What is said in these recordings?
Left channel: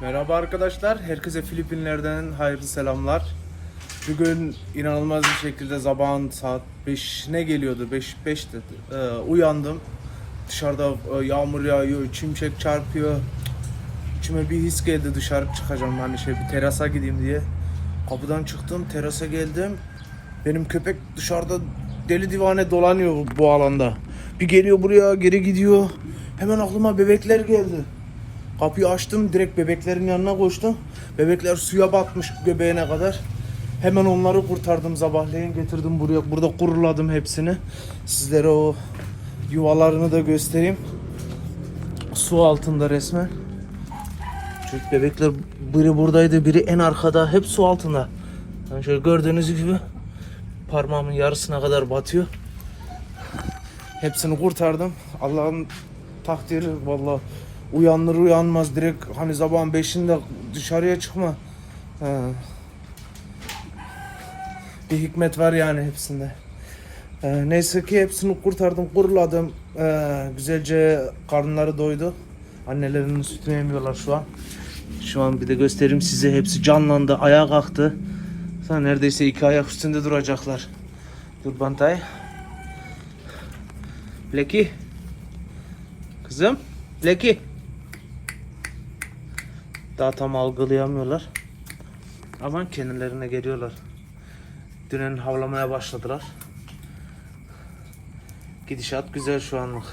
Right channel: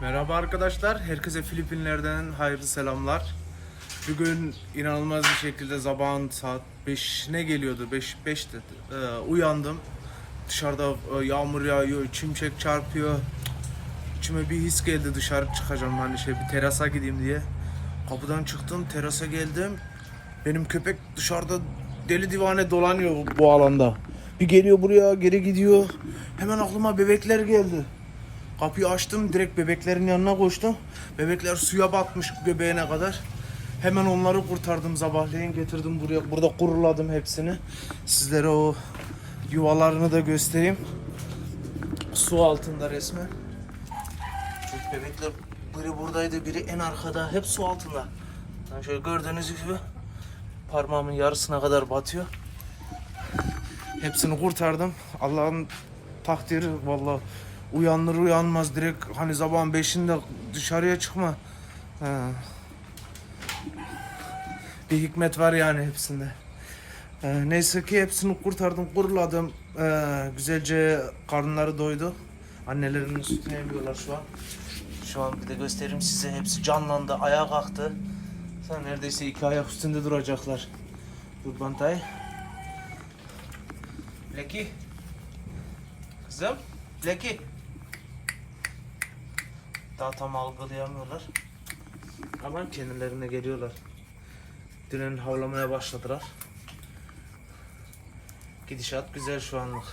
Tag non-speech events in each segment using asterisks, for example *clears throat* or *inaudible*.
Merhaba arkadaşlar, herkese Filipinler'den hayırlı selamlar. Bugün inanılmaz bir şekilde sabahın saat 5 ne geliyordu? 5 5 dedi. Ee, uyandım. Dışarıda e, yağmur yağıyor, çimşek çarpıyor. İçime bir his geldi dışarı çıkacağım hani şey bir terasa gideyim diye. Kapıdan çıktım, terasa geldim. Benim köpek dışarıda deli divane dolanıyor bu alanda. Bir geliyor buraya, geri gidiyor. Hemen aklıma bebekler geldi. Kapıyı açtım direkt bebeklerin yanına koştum. Bebekler suya batmış bebeğine kadar. Hemen onları kurtardım sabahleyin getirdim buraya. Burada kuruladım hepsini. Sizlere o yuvalarını da göstereyim. Su altında resmen. Çünkü bebekler biri buradaydı biri en arkada hep su altında. Yani şöyle gördüğünüz gibi parmağımın yarısına kadar batıyor. Hepsini kurtardım. Allah'ın takdiri vallahi uyanır uyanmaz direkt hani sabahın beşinde dışarıya çıkma. He. Bir hikmet var yani hepsinde. Ee, neyse ki hepsini kurtardım, kuruladım. Ee, güzelce karınları doydu. Annelerinin sütünü yemiyorlar şu an. Şu an bir de göstereyim size hepsi canlandı, ayağa kalktı. Sonra neredeyse iki ayak üstünde duracaklar. Dur Bantay. Leki. Kızım. Leki. Daha tam algılayamıyorlar. Ama kendilerine geliyorlar. Dünen havlamaya başladılar. Gidişat güzel şu anlık.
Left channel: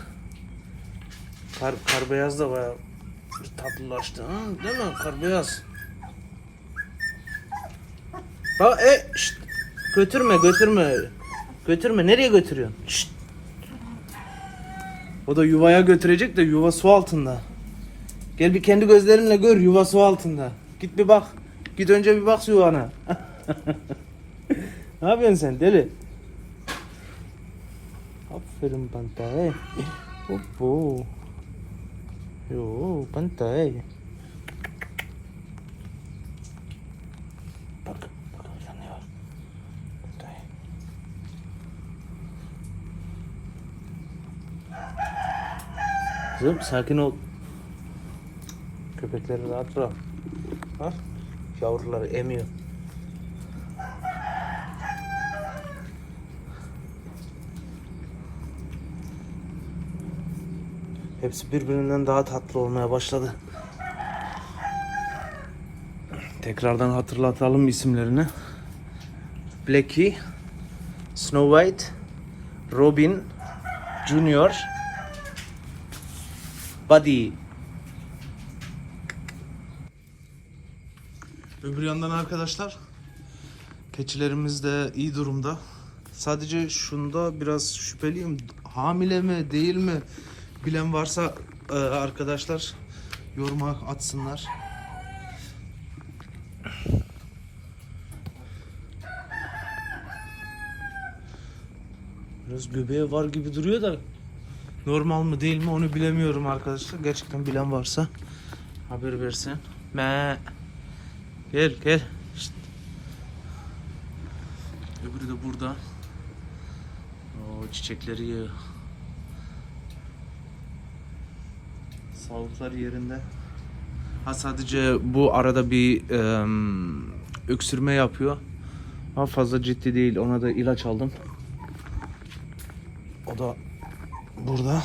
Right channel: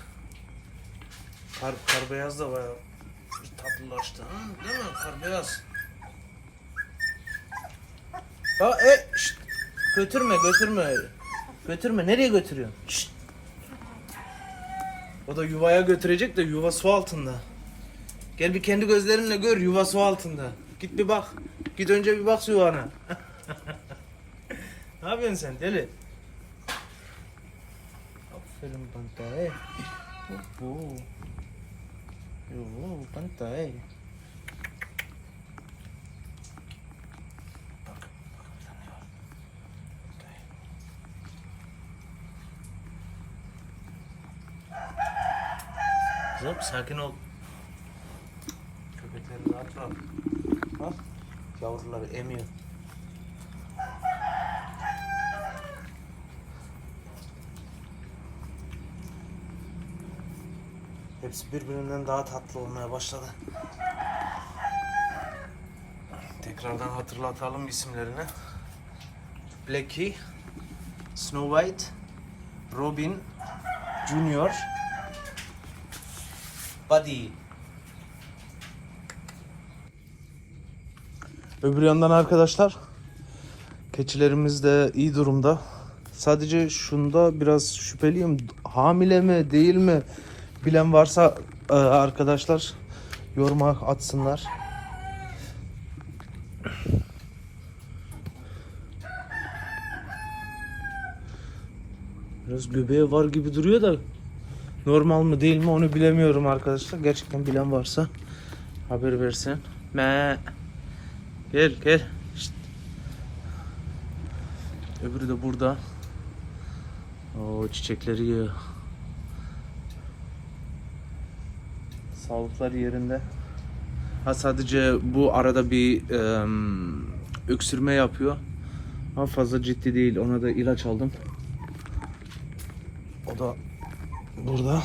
Kar, kar beyaz da bayağı tatlılaştı. Ha, değil mi? Kar beyaz. Ha e şşt. Götürme götürme. Götürme. Nereye götürüyorsun? Şşt. O da yuvaya götürecek de yuva su altında. Gel bir kendi gözlerinle gör yuva su altında. Git bir bak. Git önce bir bak yuvana. *laughs* ne yapıyorsun sen deli? Aferin Bantay. Hoppo. Yo Bantay. Bak, bak ne var? Bantay. Kızım sakin ol. Köpekleri rahat bırak. Bak yavruları emiyor. Hepsi birbirinden daha tatlı olmaya başladı. Tekrardan hatırlatalım isimlerini. Blackie, Snow White, Robin, Junior, Buddy. Öbür yandan arkadaşlar keçilerimiz de iyi durumda. Sadece şunda biraz şüpheliyim. Hamile mi değil mi bilen varsa e, arkadaşlar yoruma atsınlar. Biraz göbeği var gibi duruyor da normal mı değil mi onu bilemiyorum arkadaşlar. Gerçekten bilen varsa haber versin. Me. Gel gel. Şşt. Öbürü de burada. O çiçekleri yiyor. Sağlıklar yerinde. Ha sadece bu arada bir em, öksürme yapıyor. Ama fazla ciddi değil. Ona da ilaç aldım. O da burada.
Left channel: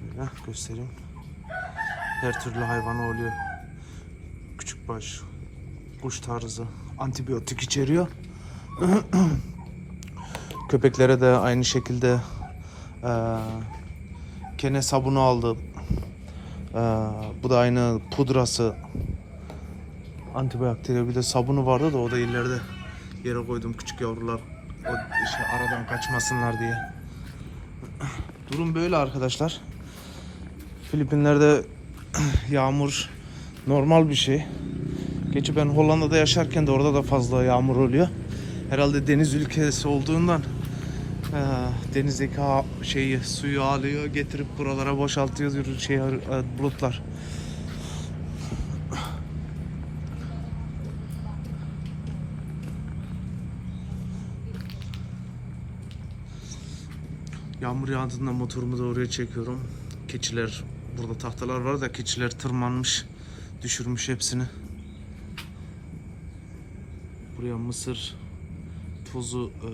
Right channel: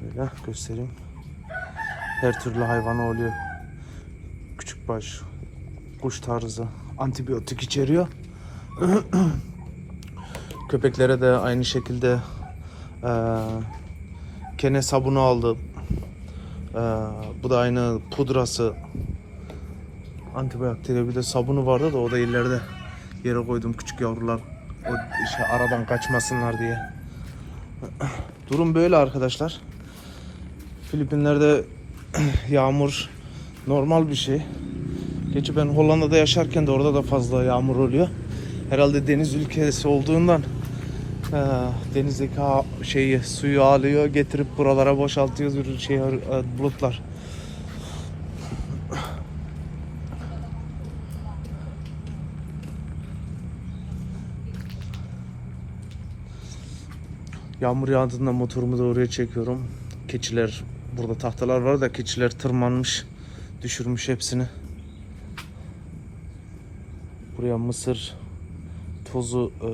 Şöyle göstereyim. Her türlü hayvanı oluyor. Küçük baş, kuş tarzı antibiyotik içeriyor. *clears throat* Köpeklere de aynı şekilde eee kene sabunu aldım. Eee, bu da aynı pudrası. Antibakteriyel bir de sabunu vardı da o da ileride yere koydum küçük yavrular o şey aradan kaçmasınlar diye. *clears throat* Durum böyle arkadaşlar. Filipinler'de *clears throat* yağmur normal bir şey. Geçi ben Hollanda'da yaşarken de orada da fazla yağmur oluyor. Herhalde deniz ülkesi olduğundan eee, denizdeki şeyi suyu alıyor getirip buralara boşaltıyor şey e, bulutlar. Yağmur yağdığında motorumu da oraya çekiyorum. Keçiler burada tahtalar var da keçiler tırmanmış. Düşürmüş hepsini. Buraya mısır tozu e,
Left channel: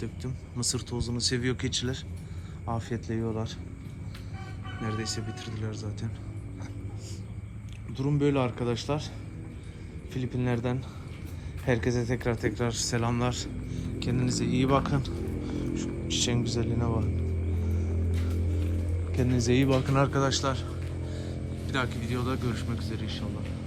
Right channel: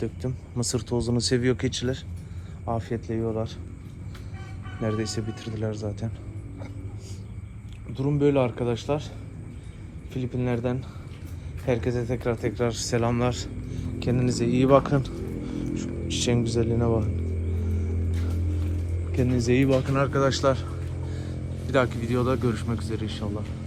döktüm. Mısır tozunu seviyor keçiler. Afiyetle yiyorlar. Neredeyse bitirdiler zaten. Durum böyle arkadaşlar. Filipinlerden herkese tekrar tekrar selamlar. Kendinize iyi bakın. Şu çiçeğin güzelliğine bakın. Kendinize iyi bakın arkadaşlar. Bir dahaki videoda görüşmek üzere inşallah.